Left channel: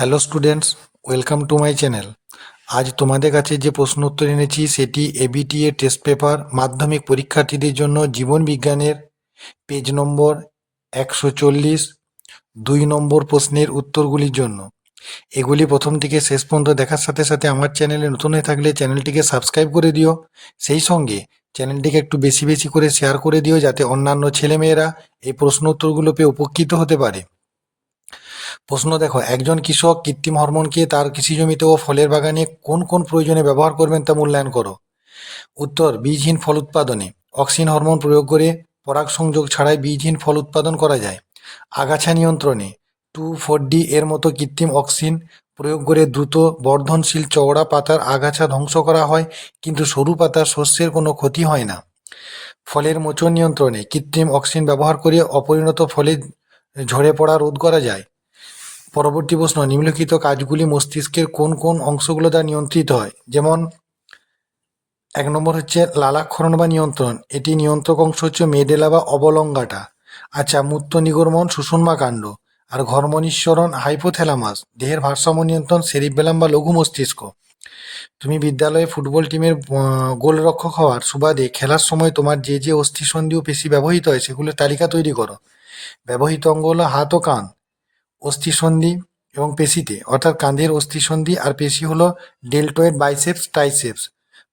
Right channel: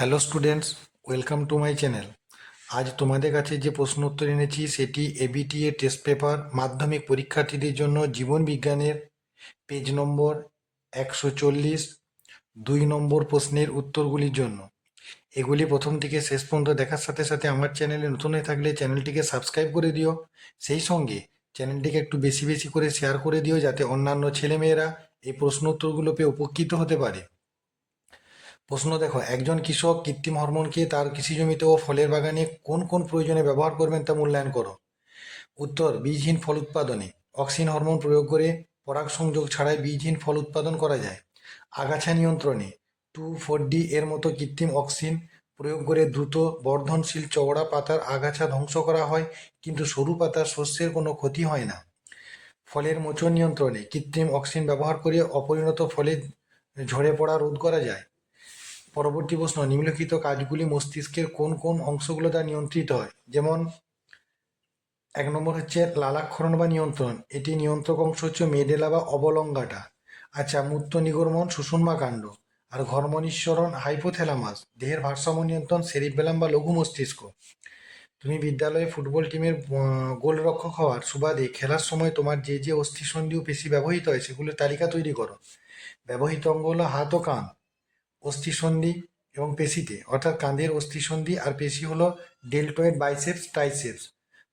Hello students, welcome to my channel. আজ তোমাদের কাছে যে প্রশ্ন উত্তর এনেছি সেটি এবিটিএ টেস্ট পেপার মাধ্যমিক পরীক্ষার্থীদের জন্য জীবন বিজ্ঞানের পেজ নম্বর 140 2 নম্বর প্রশ্নের উত্তরগুলির জন্য। এগুলি প্রথম থেকে শেষ পর্যন্ত দেখার সাথে সাথে আমার চ্যানেলে নতুন হয়ে থাকলে চ্যানেলটিকে সাবস্ক্রাইব করে দিও। সেই সঙ্গে চ্যানেলটিকে একটু বেশি বেশি করে শেয়ার করে দিও, যাতে অন্যান্য ছেলেমেয়েরা এই প্রশ্ন উত্তরগুলো পেয়ে উপকৃত হতে পারে। প্রশ্ন দেখো, একজন কৃষক কৃত্রিম হরমোনকে তার কৃষি জমিতে ও ফলের বাগানে কোন কোন প্রয়োজনে ব্যবহার করবেন তা মূল্যায়ন করো। উত্তর, বীজহীন ফল উৎপাদনে। অক্সিন হরমোন প্রয়োগ করে পরাগ সংযোগ ছাড়াই বীজহীন ফল উৎপাদন করা যায়। আগাছা নিয়ন্ত্রণে 2,4-D এর মতো কৃত্রিম অক্সিন প্রয়োগ করে দ্রুত বর্ধনশীল চওড়া পাতার আগাছা ধ্বংস করা হয়, কিন্তু সরু পাতার শস্যের কোনো ক্ষতি হয় না। ফলের মোচন নিয়ন্ত্রণে কৃত্রিম অক্সিন ব্যবহার করে অপরিণত ফলে ঝরে পড়া রোধ করা যায়। পরবর্তী প্রশ্ন, নিম্নলিখিত কাজগুলি মস্তিষ্কের কোন কোন অংশগুলো দ্বারা নিয়ন্ত্রিত হয়? যেমন 1 নম্বর হচ্ছে লালাক্ষরণ বা নিয়ন্ত্রণ। এটি নিয়ন্ত্রক অংশ হচ্ছে মেডেলা বা অবলঙ্গাটা। আচ্ছা, মূত্র নিগমন সুষুম্না কাণ্ড। আর ঘর্ম নিঃসরণ হাইপোথ্যালামাস। দেহের ভারসাম্য নিয়ন্ত্রণ সেরিবেলাম বা লঘু মস্তিষ্ক। তুমি বিদ্যালয়ে ফুটবল টিমের গোলরক্ষক হওয়ার সুবাদে খেলার সময় তোমার যে যে অস্থিসন্ধি ও পেশি ব্যবহৃত হয় সেগুলোর তালিকা তৈরি করো। ব্যবহৃত অঙ্গ হলো হাত ও কাঁধ। অস্থিসন্ধি এবং পেশিতে, অর্থাৎ কাঁধের অস্থিসন্ধি আর পেশি হলো ডেল্টয়েড বাইসেপস ট্রাইসেপস।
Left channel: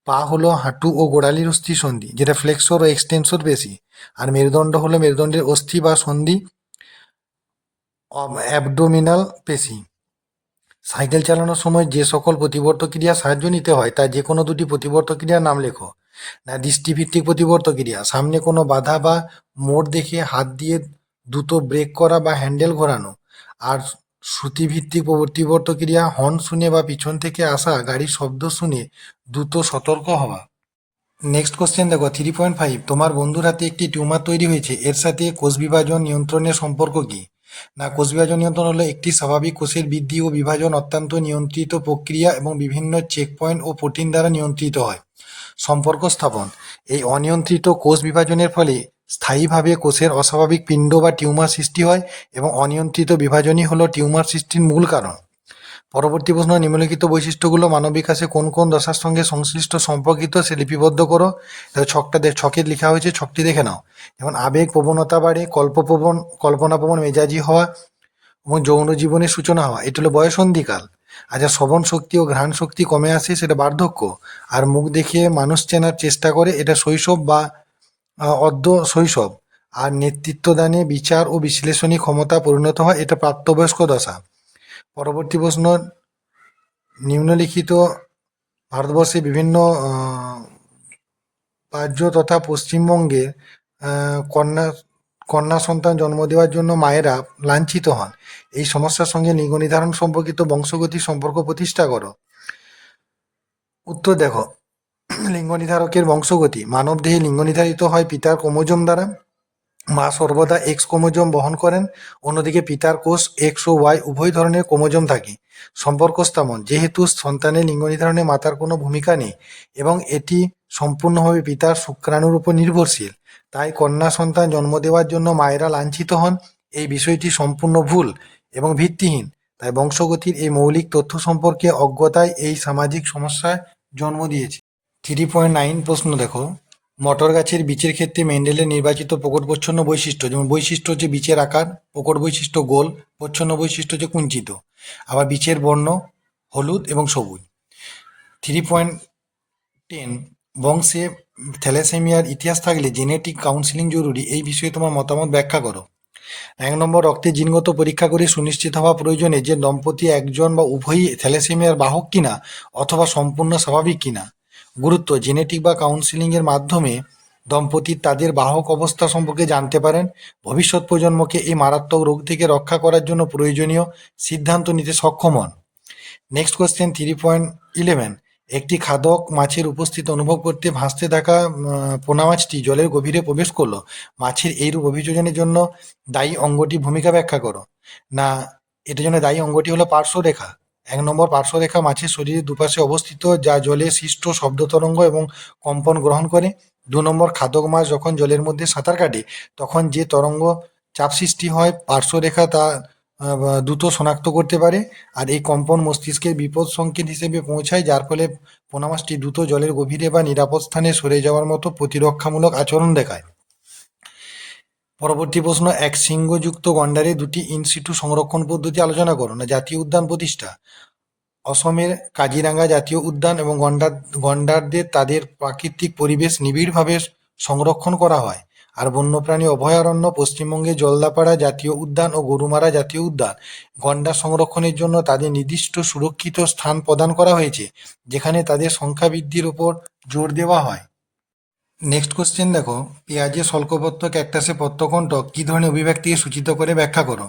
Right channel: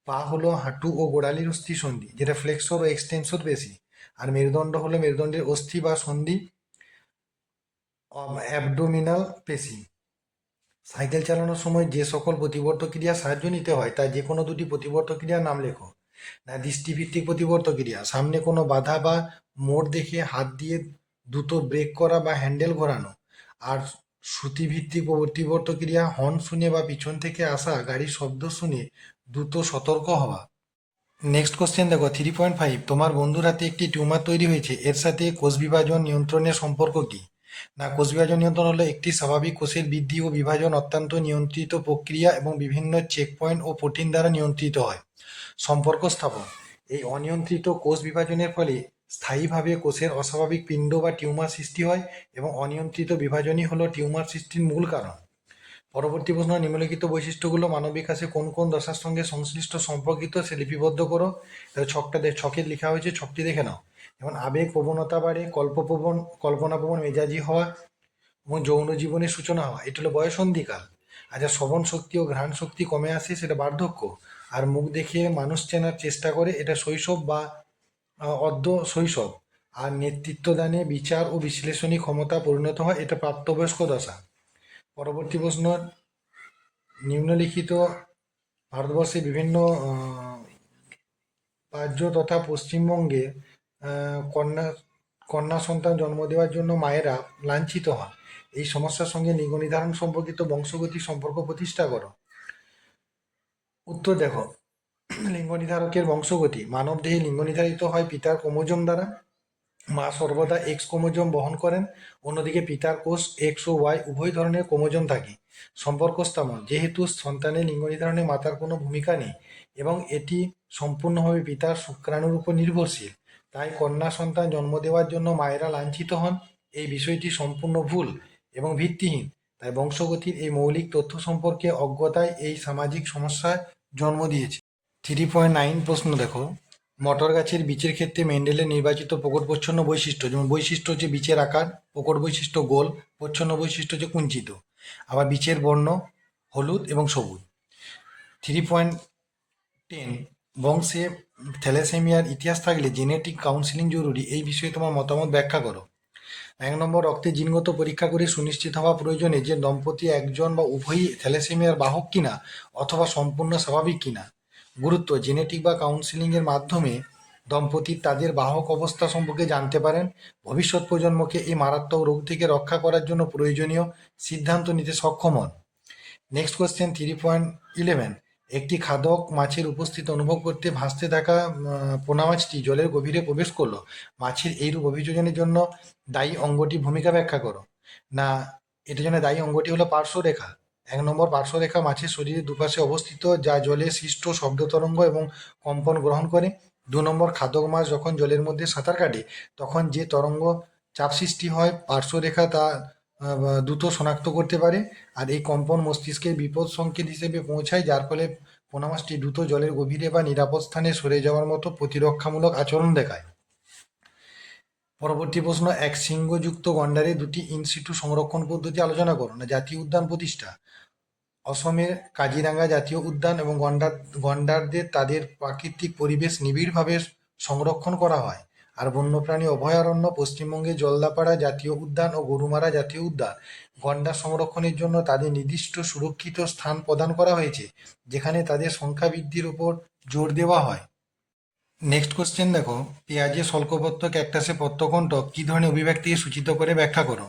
পা হলো হাঁটু ও গোড়ালির অস্থিসন্ধি, যেটা ফ্লেক্সর ও এক্সটেনসর পেশি। আর মেরুদণ্ড হলো মেরুদণ্ডের অস্থি বা সন্ধি, অ্যাবডোমিনাল পেশি। সাইকেল চালানোর সময় যে সকল প্রতিবর্ত ক্রিয়া সাহায্য নিতে হয় তা যে কোনো দুটি প্রতিবর্ত ক্রিয়ার নাম লেখো। না, দৃষ্টিভিত্তিক প্রতিবর্ত ক্রিয়া, সামনে কোনো বাধা বা মোড় দেখে হাত দিয়ে দ্রুত ব্রেক করা বা হ্যান্ডেল ঘোরানো। আর শ্রুতিভিত্তিক প্রতিবর্ত ক্রিয়া, হর্ন শুনে বা পিছন থেকে আসা গাড়ির শব্দ শুনে দ্রুত সতর্ক হওয়া। নেক্সট কোশ্চেন দেখো, 3.5, তোমার বন্ধুর হাতে একটি টিউমার তৈরি হয়েছে, এর সাথে কোষ বিভাজন নিয়ন্ত্রণের সম্পর্ক কি? না, কোষ বিভাজন নিয়ন্ত্রণ হলো একটি স্বাভাবিক কোষের বৃদ্ধি ও বিভাজন অত্যন্ত নিয়ন্ত্রিত প্রক্রিয়া এবং বিভিন্ন চেক পয়েন্ট ও প্রোটিন দ্বারা নিয়ন্ত্রিত হয়। সম্পর্ক স্থাপন, এই অনিয়ন্ত্রিত কোষ বিভাজনের ফলে স্থায়ীভাবে কোষের অস্বাভাবিক পিণ্ড বা টিউমার সৃষ্টি হয় এবং অনিয়ন্ত্রিত বিভাজনই হলো টিউমার সৃষ্টির মূল কারণ। পরবর্তী প্রশ্ন, নিম্নলিখিত বৈশিষ্ট্যগুলো মানব বিকাশে কোন কোন দশার সঙ্গে সংশ্লিষ্ট সম্পর্কিত সে লিপিবদ্ধ করো। ছকে লেখা হয়েছে, ছকটি দেখে নাও। যেমন আবেগ প্রবণতা বাড়ে, কল্পনাপ্রবণ মেজাজি হওয়া এবং যৌন জীবনের সূচনা হওয়া, এটি হলো বয়সন্ধিকাল। আচ্ছা, শ্রবণ শক্তি ও ঘ্রাণ শক্তি কমে আসে, সেটা বার্ধক্য। আর মুখ দেখে মানুষ চেনার চেষ্টা করে, এটা শৈশব বা অর্ধ শৈশব। আর নেতৃত্বদানে বিচার ও বিশ্লেষণী ক্ষমতা পরিণত হয়, এটা প্রাপ্তবয়স্ক দশা। পরবর্তী প্রশ্ন, নিম্নলিখিত ভারতবর্ষে বিভিন্ন রাজ্য তথা পশ্চিমবঙ্গে কন্যা কন্যা সন্তান জন্ম দেওয়ার জন্য মায়েরা লাঞ্ছিত হন। এই সমস্যার সঙ্গে লিঙ্গ নির্ধারণ সম্পর্কিত বংশগতি সম্পর্ক প্রতিষ্ঠা করো। উত্তর দেখো, লিঙ্গ নির্ধারকের বংশগতি, মানব দেহে লিঙ্গ নির্ধারিত হয় পিতার ক্রোমোজোম দ্বারা। মা সর্বদা এক্স ক্রোমোজোম বহন করেন, অন্যদিকে পিতার কোষ এক্স ও ওয়াই উভয় ধরনের ক্রোমোজোম থাকে। সম্পর্ক স্থাপন, যেহেতু সন্তানের লিঙ্গ নির্ধারণে মাতার কোনো ভূমিকা নেই এবং এটি সম্পূর্ণভাবে পিতার শুক্রাণুর উপর নির্ভরশীল, তাই কন্যা সন্তান জন্ম দেওয়ার জন্য মায়েরা লাঞ্ছিত হন। এই বিষয়টি সম্পূর্ণ ভুল এবং ভিত্তিহীন। তাই বংশগতির এই মৌলিক তথ্য সম্পর্কে অজ্ঞতায় এই সামাজিক সমস্যায় জন্ম দিয়েছে। 3.9 প্রশ্ন দেখো, মটর গাছের বীজের ক্ষেত্রে মেন্ডেলের নির্বাচিত প্রকট প্রচ্ছন্ন বৈশিষ্ট্য। যেমন বৈশিষ্ট্য হচ্ছে বীজের আকার, প্রকট বৈশিষ্ট্য গোল, প্রচ্ছন্ন বৈশিষ্ট্য হচ্ছে কুঞ্চিত। আবার বীজের বর্ণ হলুদ এবং সবুজ। 3.10, বংশে থ্যালাসেমিয়ার ইতিহাস থাকলে জেনেটিক কাউন্সিলিং জরুরি, এই বিষয়ে তোমার মতামত ব্যাখ্যা করো। 1 নম্বর, রক্তে জিনগত পরীক্ষা করে সুনিশ্চিত হওয়া প্রয়োজনে যে দম্পতি একজন বা উভয়ই থ্যালাসেমিয়ার বাহক কিনা অথবা সম্পূর্ণ স্বাভাবিক কিনা। গুরুত্ব, জেনেটিক বা কাউন্সিলিংয়ের মাধ্যমে দম্পতির তাদের বাহক অবস্থা সম্পর্কে জানতে পারেন। ভবিষ্যৎ প্রজন্মকে এই মারাত্মক রোগ থেকে রক্ষা করার জন্য প্রয়োজনীয় সিদ্ধান্ত নিতে সক্ষম হন। নেক্সট কোয়েশ্চেন 3.11, একটি খাদক মাছের উপস্থিতি অনুভব করতে ভাসতে থাকা পোনা মাছটি জলের গভীরে প্রবেশ করলো। মাছের এইরূপ অভিযোজনের জন্য দায়ী অঙ্গটি ভূমিকা ব্যাখ্যা করো। না, এটার জন্য দায়ী অঙ্গটি হলো পার্শ্বরেখা। 1 নম্বর, পার্শ্বরেখা মাছের শরীরের দুপাশে অবস্থিত, যা জলে সৃষ্ট শব্দ তরঙ্গ এবং কম্পন গ্রহণ করে। 2 নম্বর, খাদক মাছ যখন জলের মধ্যে সাঁতার কাটে তখন যে তরঙ্গ চাপ সৃষ্টি হয় পার্শ্বরেখা তা দ্রুত শনাক্ত করতে পারে। আর এই কম্পন মস্তিষ্কের বিপদ সংকেত হিসেবে পৌঁছায়, যার ফলে পোনামাছটি দ্রুত জলের গভীরে বা নিরাপদ স্থানে সরে যাওয়ার মতো প্রতিরক্ষামূলক আচরণ দেখায়। পরবর্তী প্রশ্ন, এক শৃঙ্গযুক্ত গন্ডারের দুটি ইন সিটু সংরক্ষণ পদ্ধতি আলোচনা করো। না জাতীয় উদ্যান প্রতিষ্ঠা। অসমের কাজিরাঙ্গা জাতীয় উদ্যান এবং গন্ডারদের তাদের প্রাকৃতিক পরিবেশ নিবিড়ভাবে সংরক্ষণ করা হয়। আর বন্যপ্রাণী অভয়ারণ্য, পশ্চিমবঙ্গে জলদাপাড়া জাতীয় উদ্যান ও গরুমারা জাতীয় উদ্যান গন্ডার সংরক্ষণের জন্য তাদের নির্দিষ্ট সুরক্ষিত স্থান প্রদান করা হয়েছে, যেখানে তাদের সংখ্যা বৃদ্ধির উপর জোর দেওয়া হয়। নেক্সট কোশ্চেন দেখো, পেঁয়াজের স্বল্পপত্র ক্যাকটাসে পত্রকণ্টক কি ধরনের অভিব্যক্তিকে সূচিত করে ব্যাখ্যা করো।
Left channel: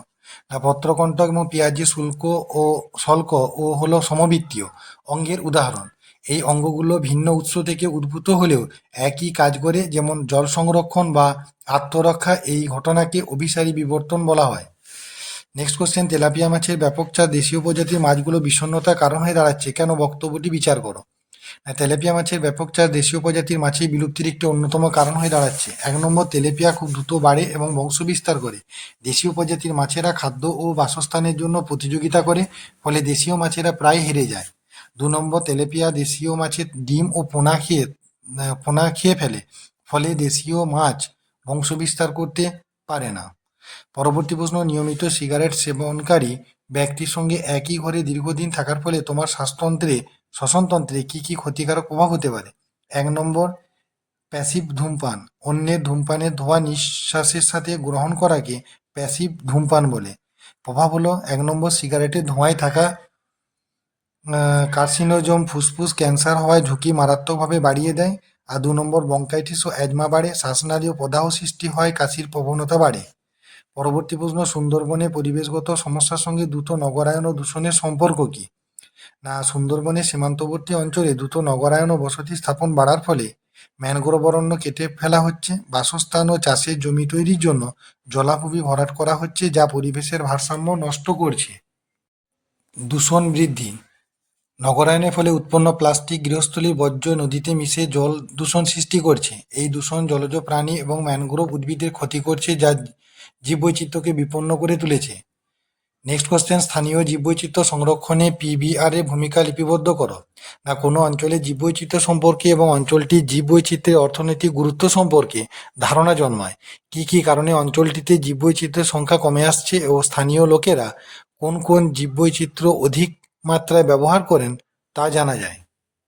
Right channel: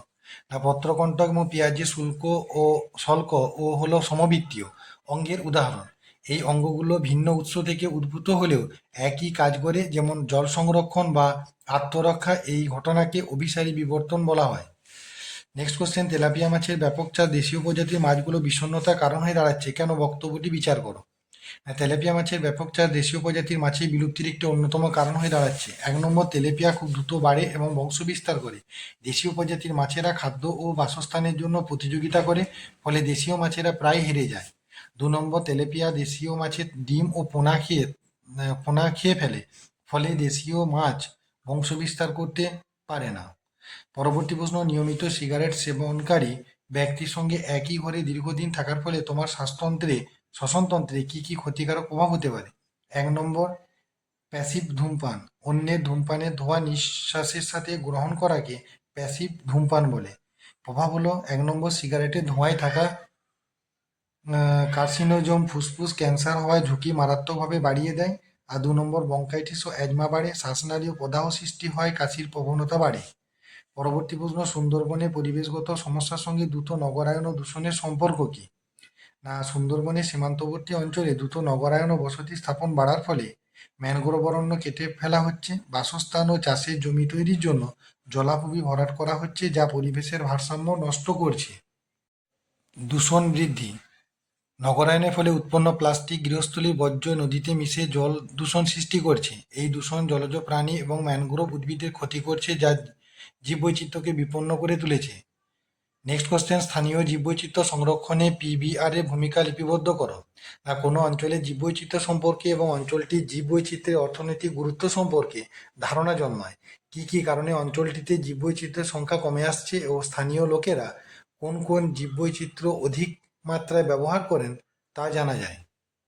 না পত্রকণ্টক এবং পেঁয়াজের শুল্ক ও শল্ক ও হলো সমবৃত্তীয় অঙ্গের উদাহরণ। এই অঙ্গগুলো ভিন্ন উৎস থেকে উদ্ভূত হলেও একই কাজ করে, যেমন জল সংরক্ষণ বা আত্মরক্ষা। এই ঘটনাকে অভিসারী বিবর্তন বলা হয়। নেক্সট কোশ্চেন, তেলাপিয়া মাছের ব্যাপক চাষ দেশীয় প্রজাতির মাছগুলো বিষণ্ণতার কারণ হয়ে দাঁড়াচ্ছে কেন, বক্তব্যটি বিচার করো। তেলাপিয়া মাছের ব্যাপক চাষ দেশীয় প্রজাতির মাছের বিলুপ্তির একটি অন্যতম কারণ হয়ে দাঁড়াচ্ছে। 1 নম্বর, তেলাপিয়া খুব দ্রুত বাড়ে এবং বংশ বিস্তার করে। দেশীয় প্রজাতির মাছেরা খাদ্য ও বাসস্থানের জন্য প্রতিযোগিতা করে, ফলে দেশীয় মাছেরা প্রায় হেরে যায়। 2 নম্বর, তেলাপিয়া দেশীয় মাছের ডিম ও পোনা খেয়ে ফেলে, ফলে দেশীয় মাছ বংশ বিস্তার করতে পারে না। পরবর্তী প্রশ্ন, নিয়মিত সিগারেট সেবনকারী ব্যক্তির সঙ্গে একই ঘরে দীর্ঘদিন থাকার ফলে তোমার শ্বসনতন্ত্রে কি কি ক্ষতিকারক প্রভাব হতে পারে। 1 নম্বর, প্যাসিভ ধূমপান। অন্যের ধূমপানের ধোঁয়া নিঃশ্বাসের সাথে গ্রহণ করাকে প্যাসিভ ধূমপান বলে। প্রভাব হলো 1 নম্বর, সিগারেটের ধোঁয়ায় থাকা কার্সিনোজম ফুসফুস ক্যান্সার হওয়ার ঝুঁকি মারাত্মকভাবে বাড়িয়ে দেয়। আর 2 নম্বর, ব্রঙ্কাইটিস ও অ্যাজমা বাড়ে, শ্বাসনালী ও প্রদাহ সৃষ্টি হয়, কাশির প্রবণতা বাড়ে। পরবর্তী প্রশ্ন, সুন্দরবনে পরিবেশগত সমস্যার সঙ্গে দ্রুত নগরায়ন ও দূষণের সম্পর্ক কি। না সুন্দরবনের সীমান্তবর্তী অঞ্চলে দ্রুত নগরায়ন ও বসতি স্থাপন বাড়ার ফলে ম্যানগ্রোভ অরণ্য কেটে ফেলা হচ্ছে, বাসস্থান ও চাষের জমি তৈরির জন্য জলাভূমি ভরাট করা হচ্ছে, যা পরিবেশের ভারসাম্য নষ্ট করছে। দূষণ বৃদ্ধি। নগরায়নের ফলে উৎপন্ন প্লাস্টিক, গৃহস্থলীর বর্জ্য নদীতে মিশে জল দূষণ সৃষ্টি করছে। এই দূষণ জলজ প্রাণী এবং ম্যানগ্রোভ উদ্ভিদের ক্ষতি করছে, যা জীববৈচিত্র্যকে বিপন্ন করে তুলেছে। নেক্সট কোশ্চেন, স্থানীয় জীববৈচিত্র্য সংরক্ষণে পিবিআর এর ভূমিকা লিপিবদ্ধ করো। না কোনো অঞ্চলের জীববৈচিত্র্য সম্পর্কে এবং অঞ্চলটির জীববৈচিত্র্যের অর্থনৈতিক গুরুত্ব সম্পর্কে ধারণা জন্মায়। কি কি কারণে অঞ্চলটিতে জীববৈচিত্র্যের সংখ্যা কমে আসছে ও স্থানীয় লোকেরা কোন কোন জীববৈচিত্র্য অধিক মাত্রায় ব্যবহার করেন তা জানা যায়।